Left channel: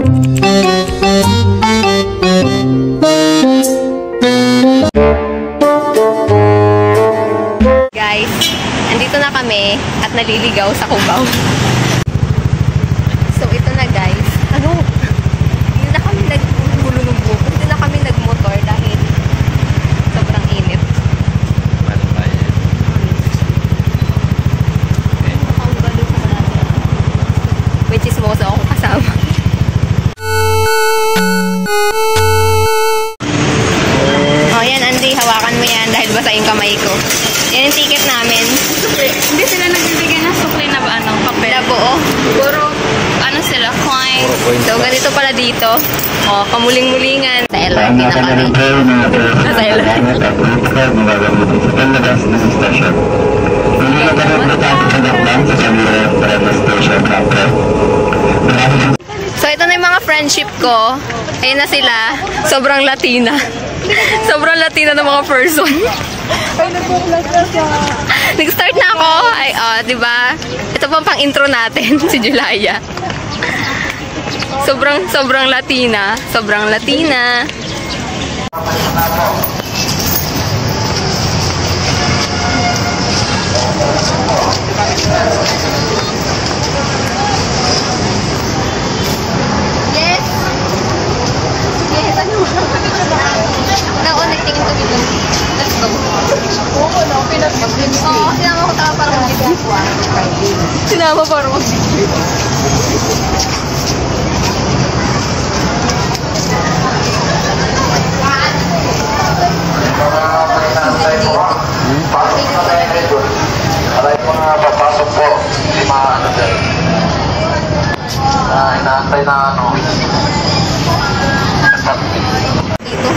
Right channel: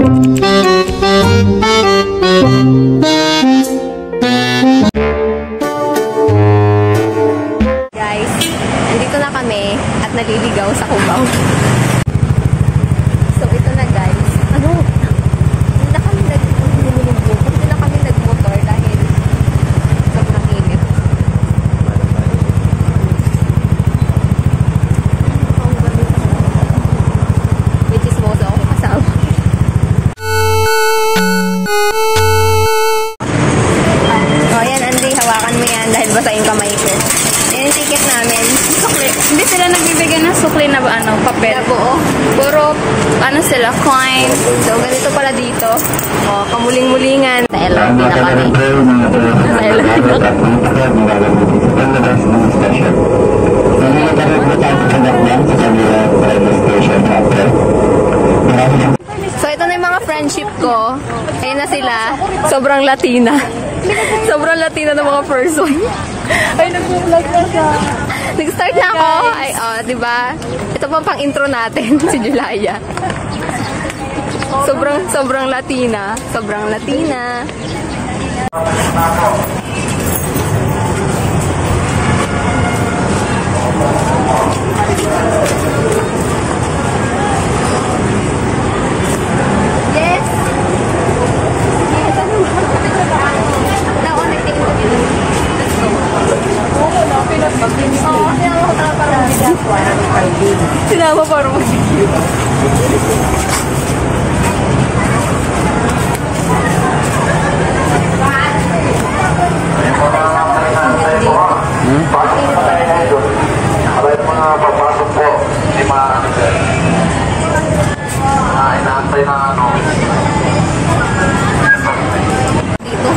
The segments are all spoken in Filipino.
Guys, andito na kami at naliligaw sa Cubao. So ito na guys. Ano? Hindi na kami nagbulunugbo. Hindi na kami nagmotor dahil sobrang init. Which is mo sa akong kasama. Oh yan Andy, hawakan mo yan dahil basa yung kamay ko. Yan yung ticket namin. Hindi sila nagbibigay ng sukli na ba ano, papel? Na buo. Puro, ano sila, coin. So, ganito pala dito. O, kamuling-mulingan. Sa LRT na kami. Sa LRT na kami. So, ito na yung mga friendship ko. Ayun na sila. Sobrang Latina. Sobrang Latina ng mga person. Ay, nag-vlog na siya. Nag-start na ako. Ay, diba? Ito pang intro natin, si Julaya. Sobrang Latina. Sobrang Latina. Yes! Yes, ano ba? Naon, nagtingin ko dito. Let's go. Oo, no, pinag-mag-video. Oo, sinama ko taka parang mag-video. Sinama parang mag-video. Alay mga papasok po, hindi ano dyan. Inaantay na ano. Dito?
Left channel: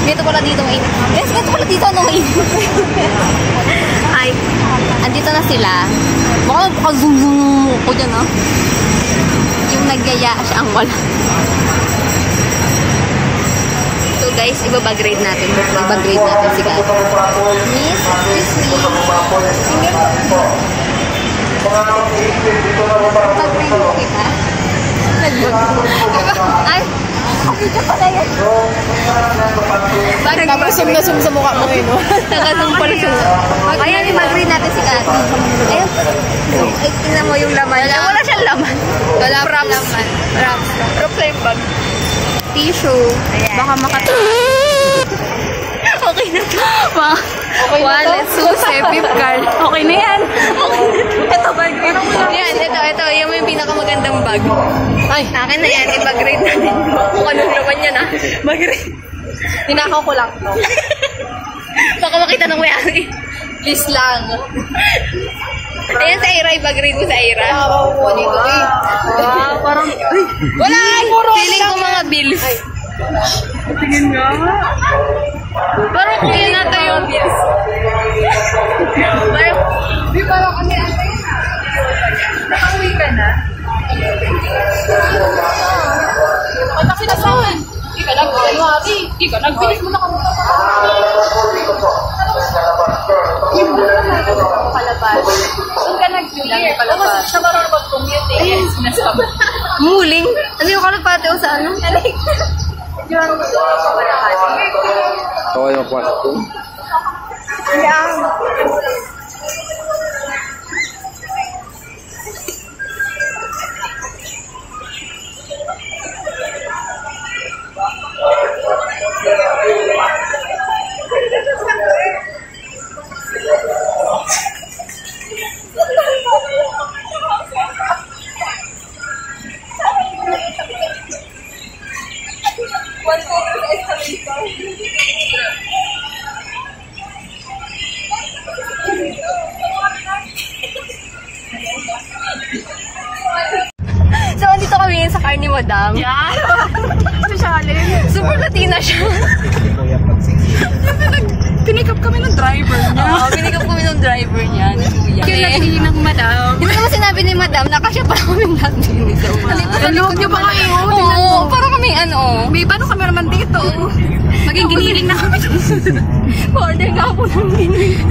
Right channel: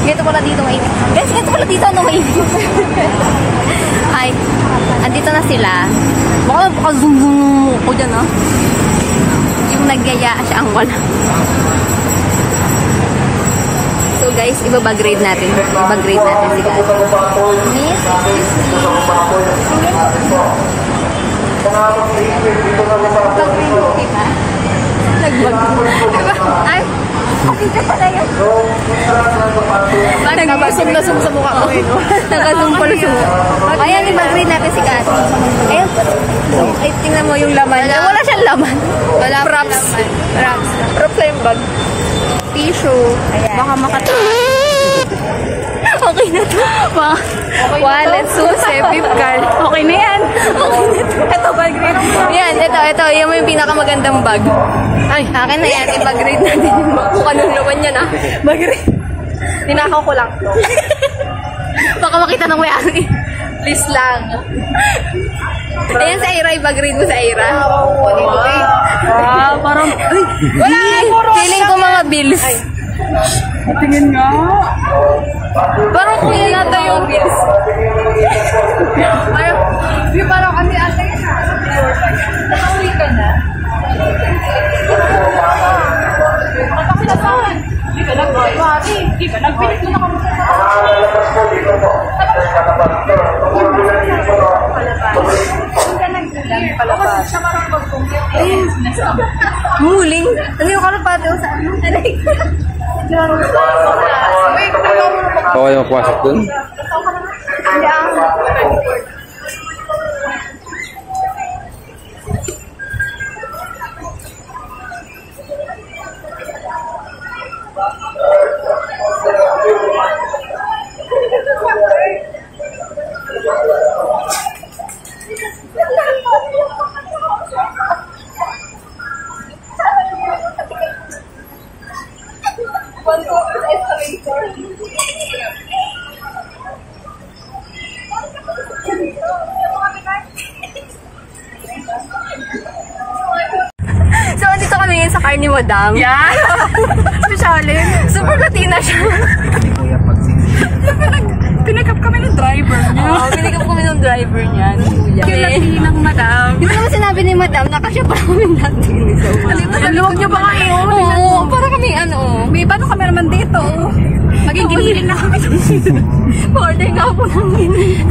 Ganito pala dito mainit. Guys, ganito pala dito ano mainit. Ay, andito na sila. Baka zoom ko dyan, no? Yung nagyaya siya ang wala. So guys, ibabag-grade natin. Ibag-grade natin si Kat. Miss, excuse me. Single po. Pag-grade mo kita. Nag-bag. Diba? Ay, kapitya pala yan. Nag-zoom sa mukha ko ngayon. Nag-zoom pala sa mukha. Ayan, ibag-grade natin si Kat. Ayun. Ay, tingnan mo yung laman. Wala siyang laman. Wala pa laman. Props lang. Props lang yung bag. Tissue. Ayan. Baka okay na to. Wallet, susi, pip card. Okay na yan. Ito, bag grade. Yan, ito. Yan yung pinakamagandang bag. Ay, akin na yan. I-bag-grade natin. Kung anong laman yan, ha? Bag-grade. Tinakaw ko lang to. Baka makita ng mayari. Please lang. Ayan sa Ira, i-bag-grade mo sa Ira. Nakabaw ko dito eh. Parang, ay, wala! Feeling ko mga bills. Ay. Tingin nga. Parang feeling natin yung bills. Ay, di parang kami ata yun na. Nakauwi ka na? Ano sila sa akin? Di ka nag-uwi. Di ka nag-uwi. Saan ka nag-ulang? Palapad. Siya parang mag-commute eh. Sinasabi. Muling? Ano yung kalapate o sa ano? Alay. Diyan. Ako yung magpasok dun? Yeah. So, andito kami ngayon sa car ni Madam. Yan. Specialin. Super Latina siya. Pinikap kami ng driver niya. Oo, pinikap kami ng driver niya. Kaya Latinang Madam. Hindi mo sinabi ni Madam na kasya pa kaming Latin. Naluwag niyo ba kayo? Oo, para kami ano. May paano kami naman dito? Maging giniling na kami. Order nga po ng giniling.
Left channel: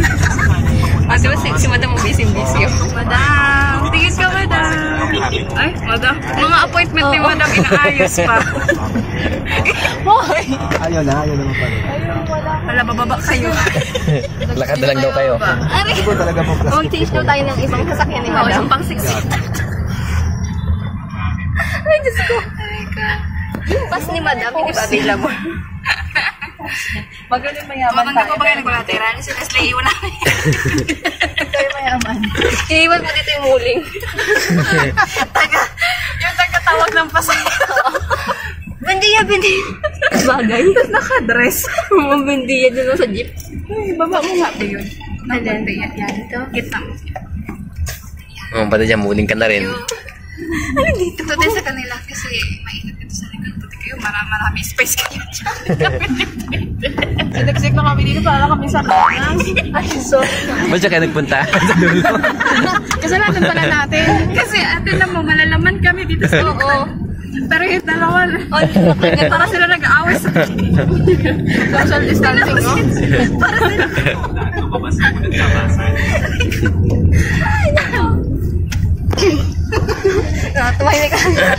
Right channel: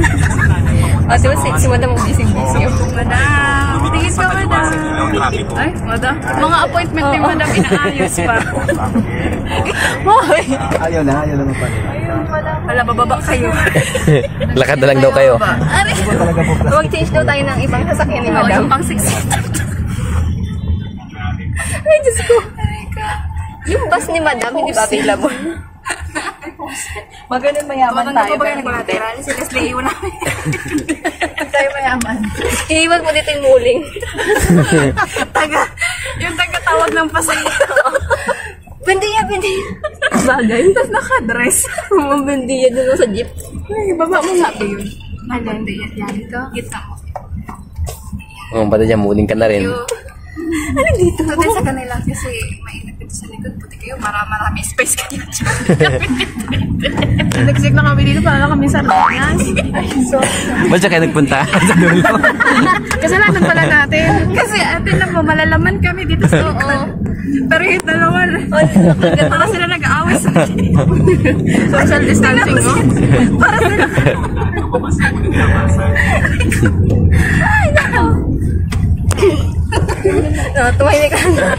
Diba si Madam busy. Madam, tingin ka Madam. Ay, madam. Mga appointment ni madam inaayos pa. Hoy! Ayaw na naman pala. Wala, bababa kayo. Lakad na lang daw kayo. Ari! Mag-change daw tayo ng ibang sasakyan ni Oo, madam. yung pang 6. Ay, Diyos ko. Yung bus ni madam, hindi ba available? Magaling mayaman tayo. Maganda pa ba kayo ng collateral? Si Leslie, iwan namin. Tayo mayaman. Iniwan mo dito yung muling. Yung taga-tawag ng pasahero. Bendiya. Bagay. Tapos naka-dress. Bendiya dun sa jeep. Ay, baba mo nga ba yun? Bendiya. Yan ito. Gitna mo. Pati dyan, muling ka na rin. Ano dito? Ito din sa kanila kasi mainit dito sa likod. Puti kayo, marami space kayo dyan. Nagsik na kami dito para kami sa kanan. Ay, so. Ba't siya kayo nagpunta? Kasalanan pala natin. Kasi atin lang mo, malalaman kami dito sa likod. Pero yun na naman. Para sila nag-aaway sa social distancing, no? Para sila. Ay, nako. Tumahimik na.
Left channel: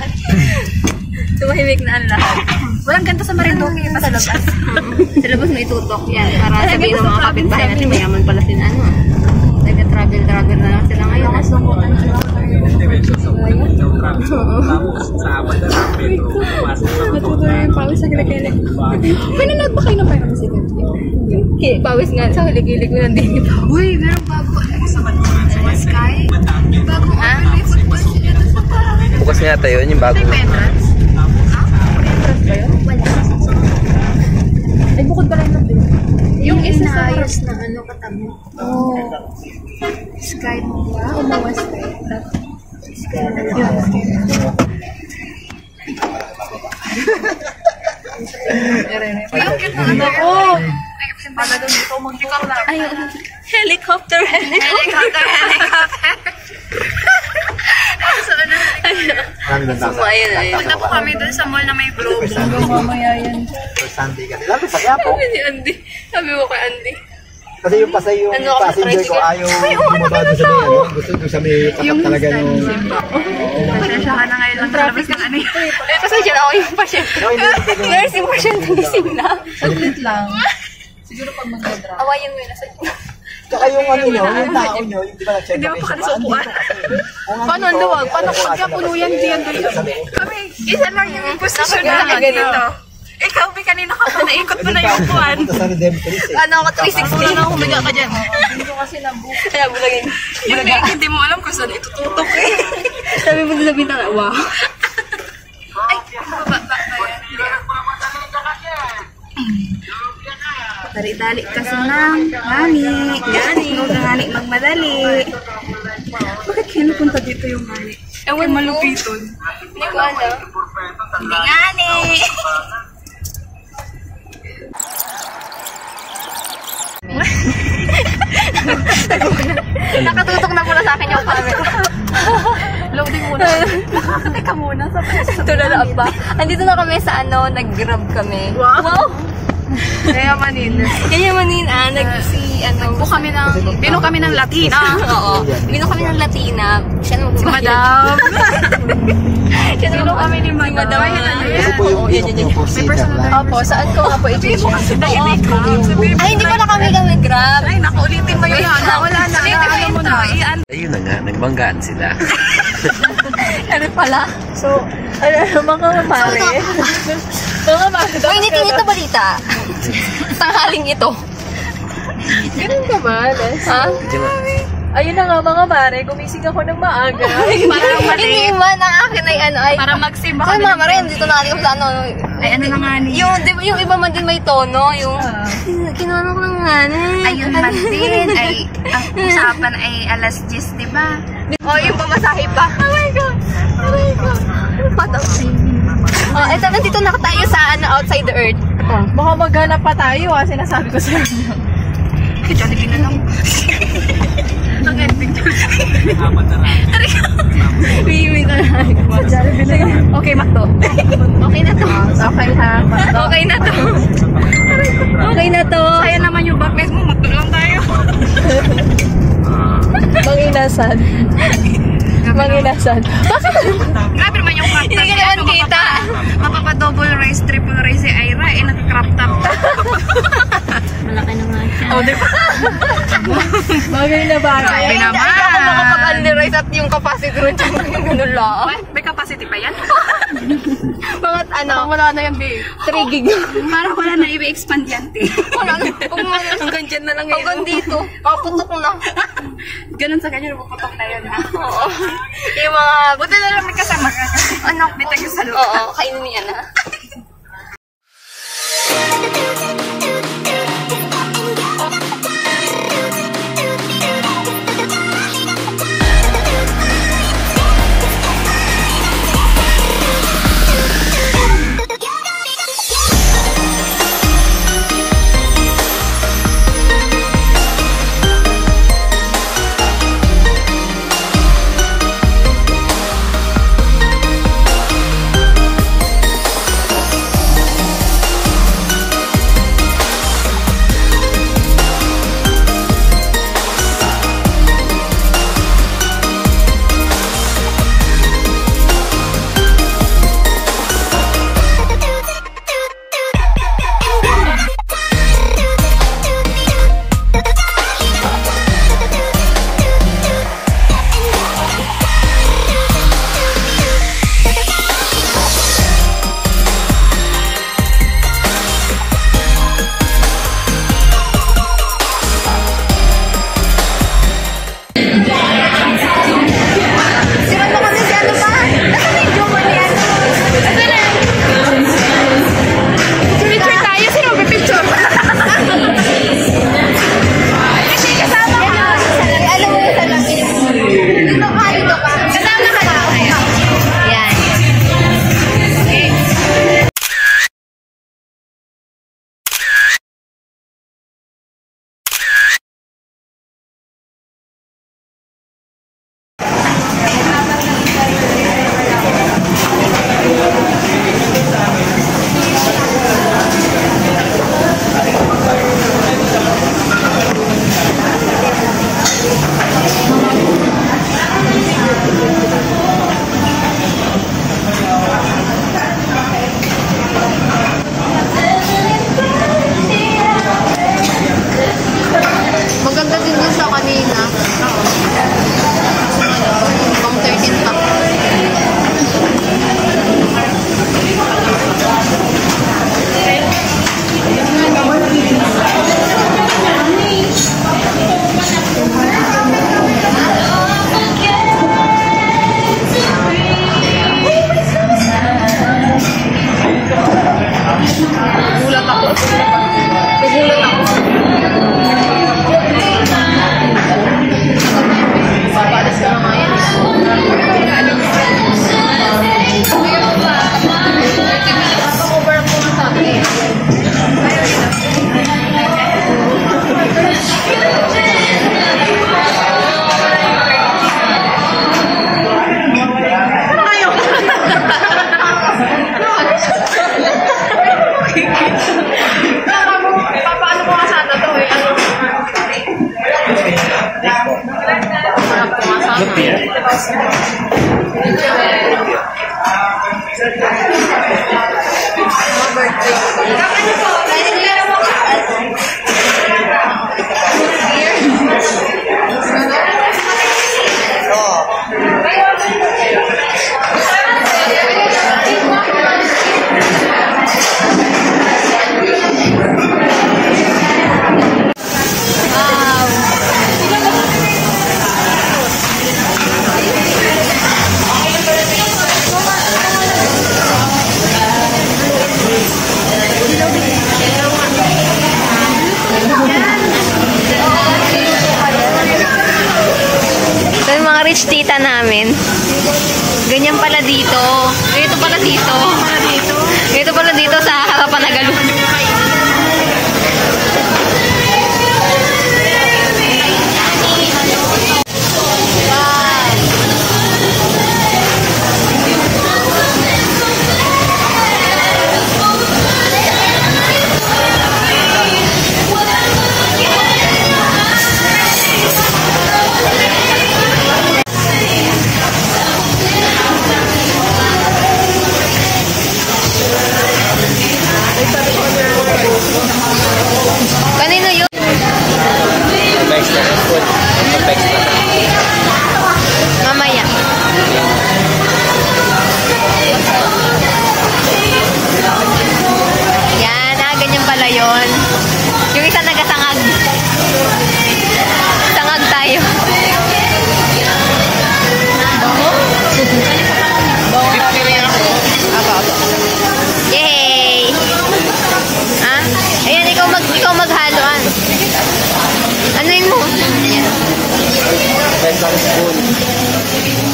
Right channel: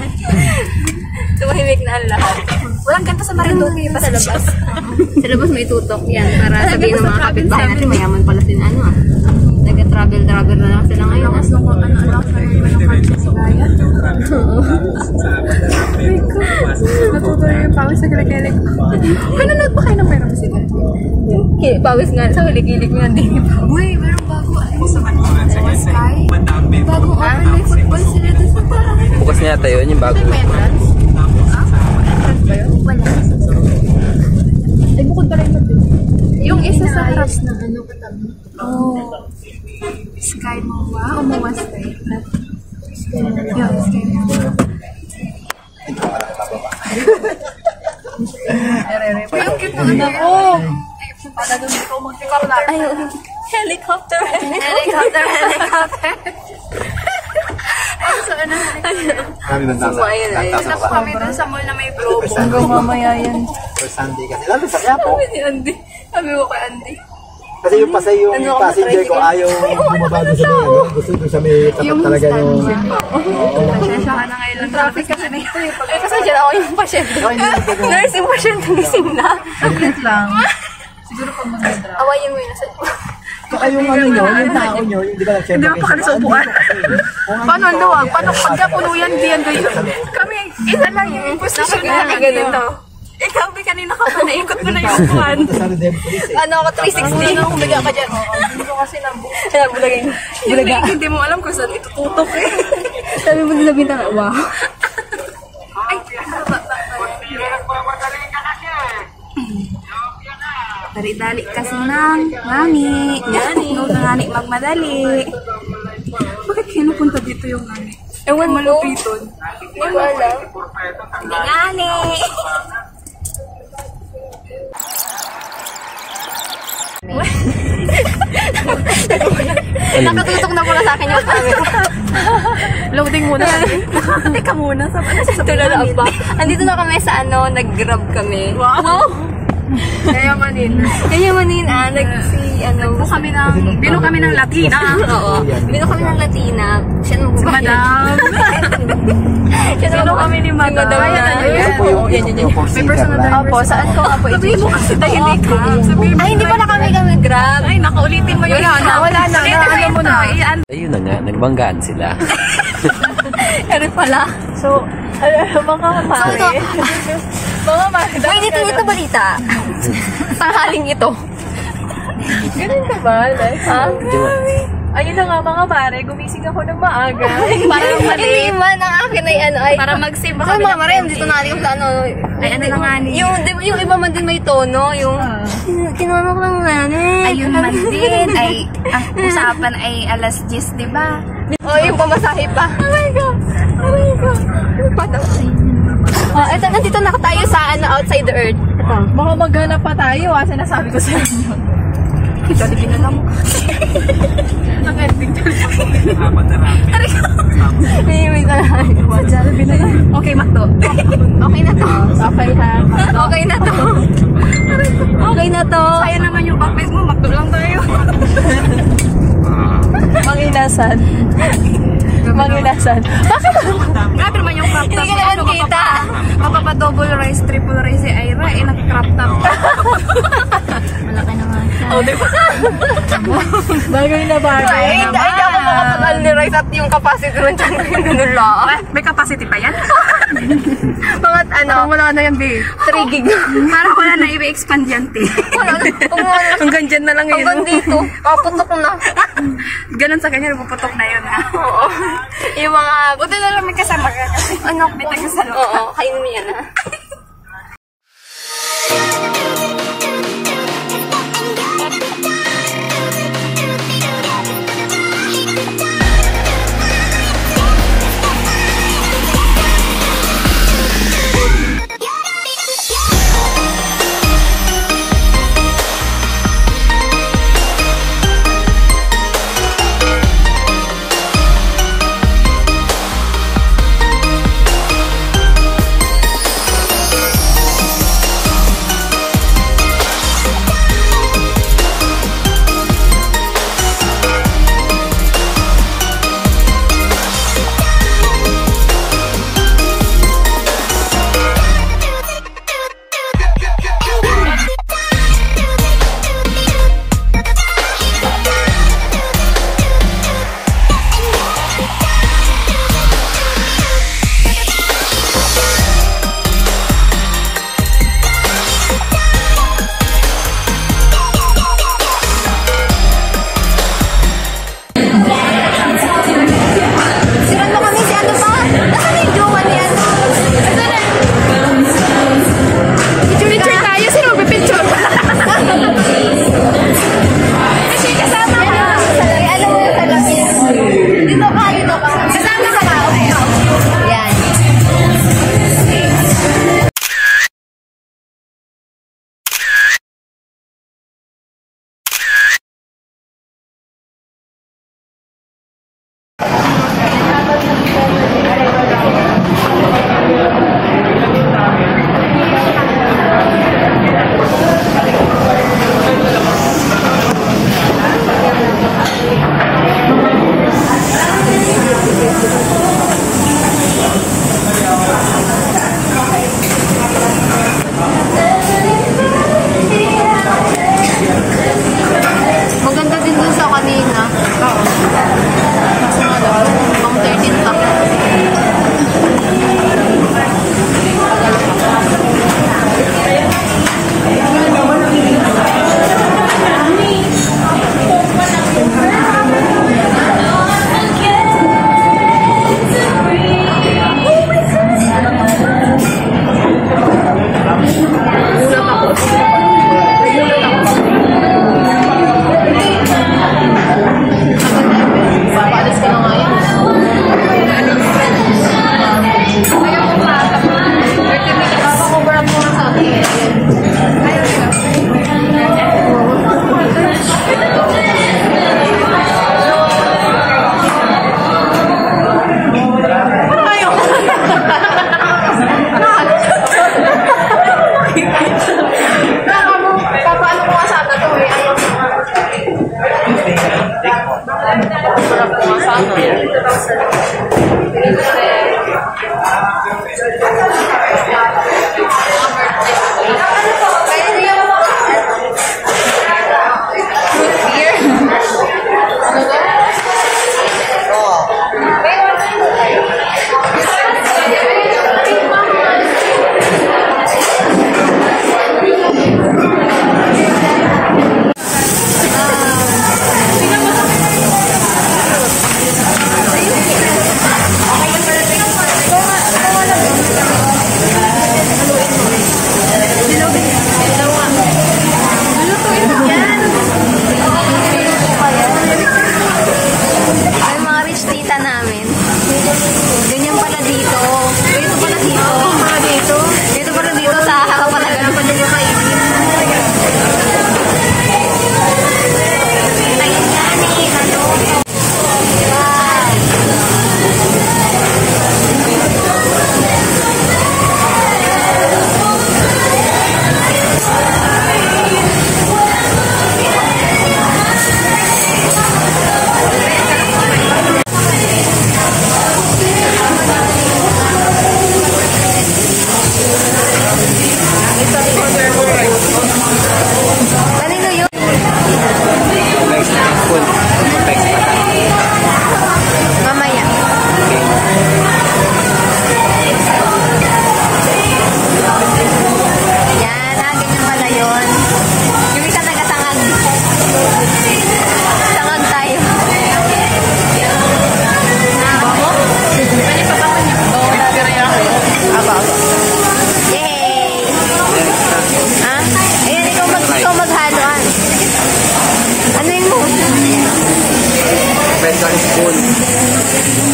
Tumahimik na ang lahat. Walang ganito sa Marinduque pa sa labas. Sa labas may tutok yan. Para sabihin ng mga kapitbahay natin, mayaman pala sila. Taga-travel na lang sila ngayon. Lakas lang ko, ano natutuloy yung pawis sa gilig-gilig. Pinanood ba kayo ng Pyram Music? Pawis nga sa hilig-hilig mo nandito. Uy, meron bago. Ano sa Sky? Bagong open may football sila doon sa parang. Bukas nga tayo, yung bago. May entrance? Entrance ba yun? Wala. Ay, bukod ba lang natin? Yung isa sa harap na ano katabi. Oh. Sky Mawa o Mawa Sky? Sky na yun. Sky na yun. Yung cute na ano. Oo. Pala doon dito mag-record na. Helicopter. So, ano? Sumayan na yun. Punta po kami doon sa mall na may globo. Hanggang mamaya yan. Sa Sunday kasi. Lalo sa Quiapo. Ni Andy. Sabi mo kay Andy. Kasi yung pasay yung Ano, passenger ko ayaw bumaba doon sa may ano. Gusto doon sa may tapat talaga yung... Pasensya ka na ngayon lang traffic ka ano. Eh, kasi dyan ako yung pasyente. No, hindi mo pwede. Nursing pasyente gising na. Saglit lang. Siguro pag mag-drop. Awayin mo yun nasa Saka yung ano nyo, yung tao nyo, yung di ba nag-share Hindi mo pa sa upuan. Paano ang luwag? Paano pagka puno yan, diyan doon? Kami, isa lang yung position na ganito. Ikaw, kanina ka pa, naikot mo na yung upuan. Punta sana din police eh. Ano ako, 360. Ano, humiga ka dyan. Hindi ko kasi nabuo. Kaya bulagin. Yung mic, hindi mo alam kung saan itututok eh. Sabi mo din sa bintang, wow. Ay, baba. Dali-dali kasi nang ngani. Huwag na ngani magmadali. Bakit kayo napunta dito yung ngani? Ewan mo. Malupiton. Hindi ko alam. Hindi ngani. Nakatutok na muna sa akin yung camera. Loading muna. Teka muna. Tulala ba? Andito na kami sa ano, nag-grab kami. Wow! Kaya manin. Nagbo Bino kami ng Latina. Oo. Bino kami ng Latina. Siya na Si Madam. Bino kami ni Madam. Ito po yung May personal na. Opo, saan ko nga po i-change? Hindi ka. Ay, hindi pala kami grab. Ay, nakaulitin mo yun. Wala na. Ano mo na. Ayun na nga, nagbanggaan sila. Ano pala? So, mga pare. Mga pare. Uy, ito balita. Tanghaling ito. Ganun ka ba, Les? Ha? Ayun na nga mga pare, gumising ako ng maaga. Hindi man, ang akin ay ano ay... Para mag-save Ay, mga Mariam, dito na natin kung sa ano. Ay, ano na nga niya? Yung, di ba, yung iba man din may tono, yung... Kinuha ko ng nanay. Ayun man din, ay, ang usapan ay alas 10, di ba? Oh, yung pamasahe pa. Oh my God. Pataw. Oh, eto, nandito na tayo sa ano, outside the earth. Baka maghanap pa tayo, sinasabi ko sa inyo. Jollibee na lang. Nag-ending Jollibee. May ka lang. Jollibee na lang. Okay, Mato. Okay na to. Okay ha. Okay na to. Okay na to. Sayang naman yung backpack mo, Mato lang tayo. Manginasan. Maginasan. Bakit? Grabe naman yung crop top. Hindi ka naman kita. Mapapa-double rice, triple rice si Ira, naka-crop top. Malaki naman siya. Bagay na bagay. Ay, ako makapag-only rice at yung capacity rin dyan. Ganun lang. May capacity pa yan? Mga Wala na yan, babe. 3 gig. Parang wala na i-expand yan, te. Wala na. Hanggang dyan na lang yun. Hanggang dito. Kaputok na. Ganun sa kanya, puputok na yun, ha? Oo. Yung mga... Buti na lang may kasama ka. Ano? May taga-salo. Oo, kainin mo yan, ha?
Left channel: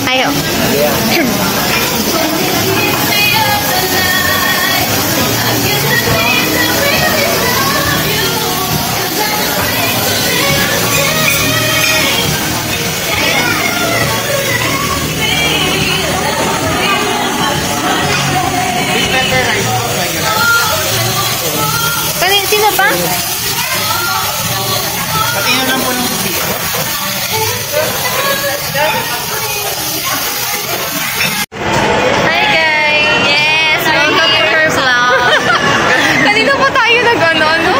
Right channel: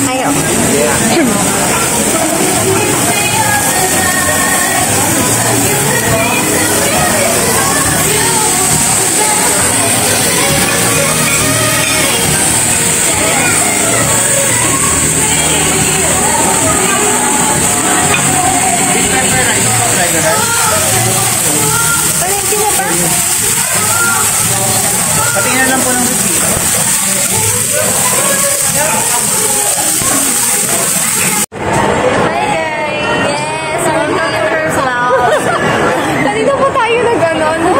Ayo. Sino ba? Patingin lang po ng Hi guys! Yes, welcome to her vlog. Kanina pa tayo nag-ano, no?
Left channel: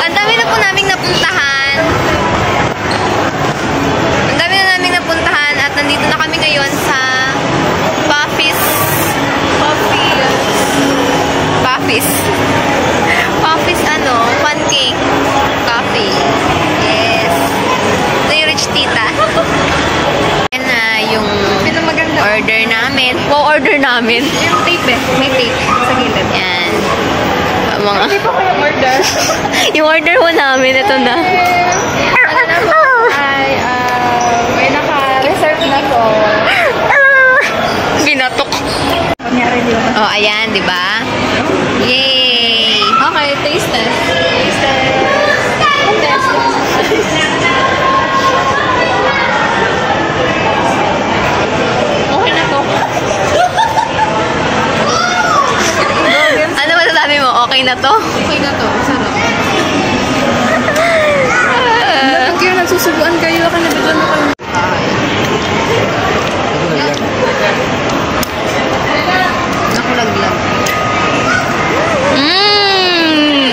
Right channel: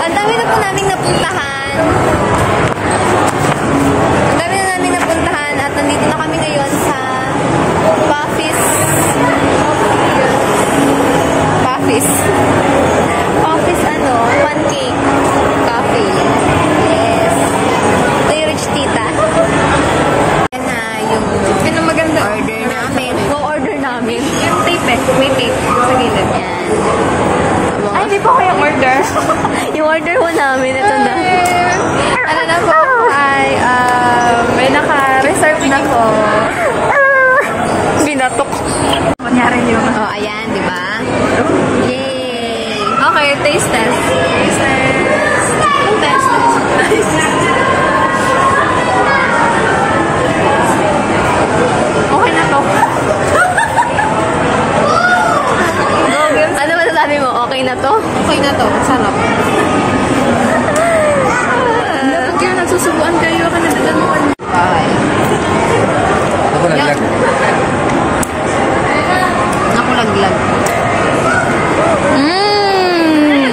Ang dami na po naming napuntahan. Ang dami na naming napuntahan at nandito na kami ngayon sa Puffy's pancake coffee. Yes. Ito yung rich tita. Yan na yung order namin. Order namin. May tape sa gilid. Yan. Mga... Hindi pa ko yung order. yung order mo namin, ito na. Ano na po ay may naka-reserve na po. Binatok. Kunyari di ba? Oh, ayan, di ba? Yay! Okay, taste test. Taste test. Okay na to. Ano masasabi mo? Okay na to? Okay na to. Sarap. Pag kayo nagsusubuan kayo, ako na naman.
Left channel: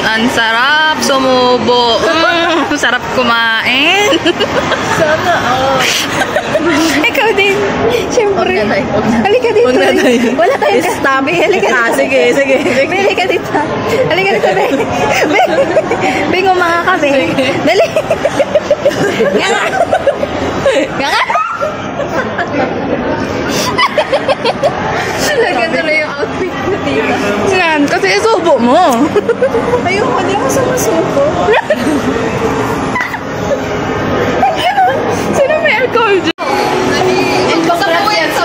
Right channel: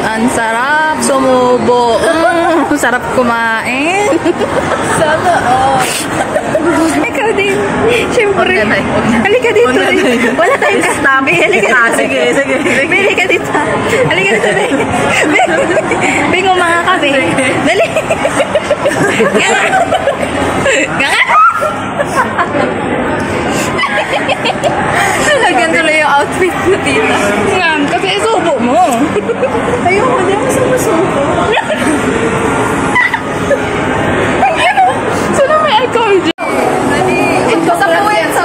Ang sarap sumubo. Sarap kumain. Sana, Ikaw din. Siyempre. Halika dito. Wala tayong kastabi. Halika dito. Sige. Halika dito. Halika dito, Beng. Beng, mga kami. Dali. Ganga. Talagang tuloy yung outfit na tira. Yan, kasi isubo mo. Ayoko, hindi ako sumusubo. Sino may alcohol dyan? Ito sa po yan. Ito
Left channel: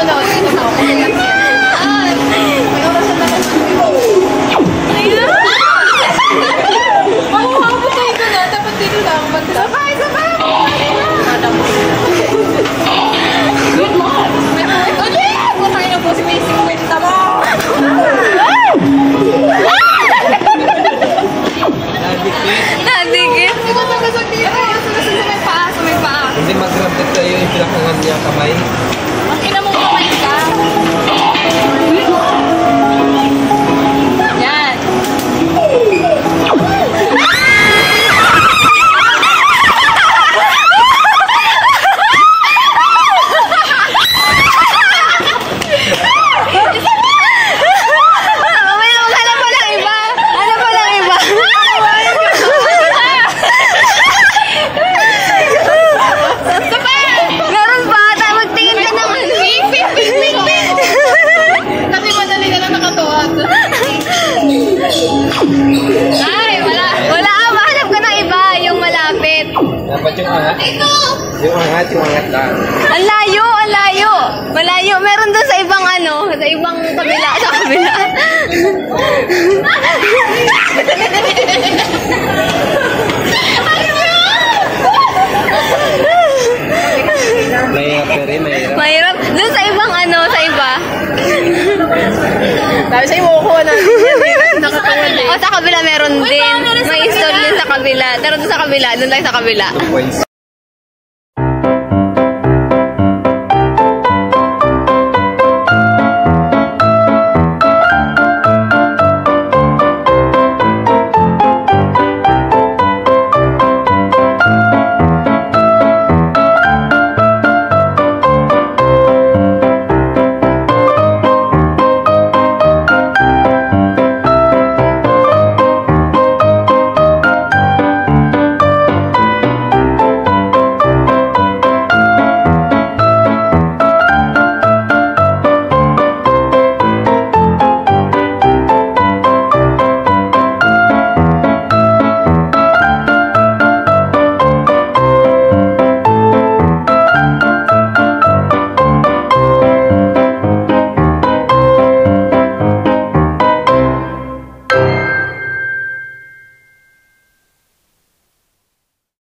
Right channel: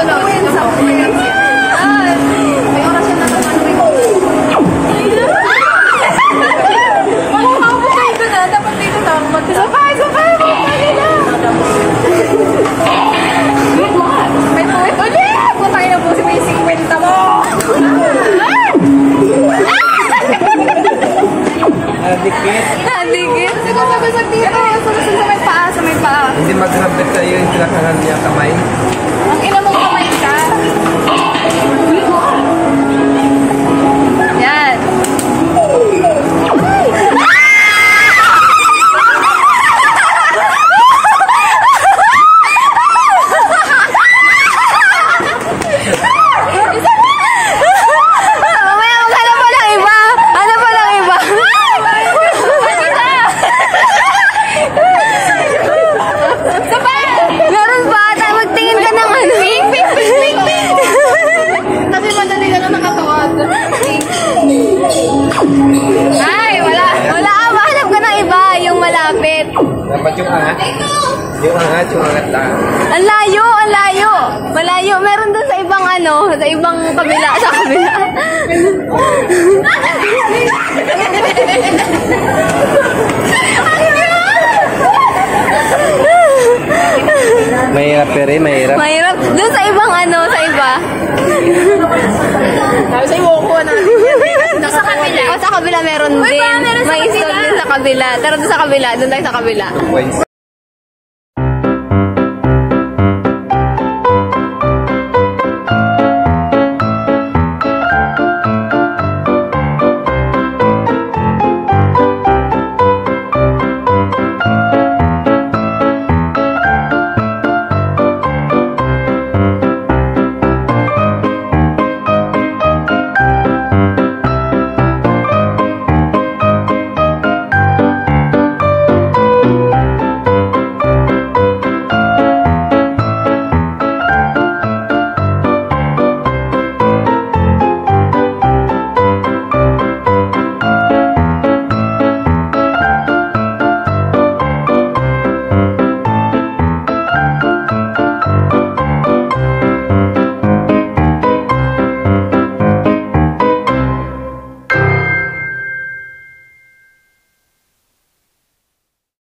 sa po yan. May oras na naman ako. Makuha kayo doon na. Dapat dito na ako matira. Sabay! Good luck! Oh yeah! Kung tayo na po si may 50 mo. Nadikit. Kasi mababasag dito. Sa may paa. Hindi mag-grab tayo yung pinakangan niya kamay. Ina mo kamay ka. Yan. Meron ba? Magtingin ka ng ano. Kasi madali na lang nakatuot. Ay, wala. Wala ka, mahanap ka ng iba. Yung malapit. Dapat yung angat. Yung angat lang. Ang layo, ang layo. Malayo. Meron dun sa ibang ano, sa ibang kabila. Sa kabila. Mahirap pero mahirap. Mahirap. Dun sa ibang ano, sa iba. Sabi sa'yo mo ko na. Sa kabila. O, sa kabila meron din. May install din sa kabila. Pero dun sa kabila, dun tayo sa kabila. Points.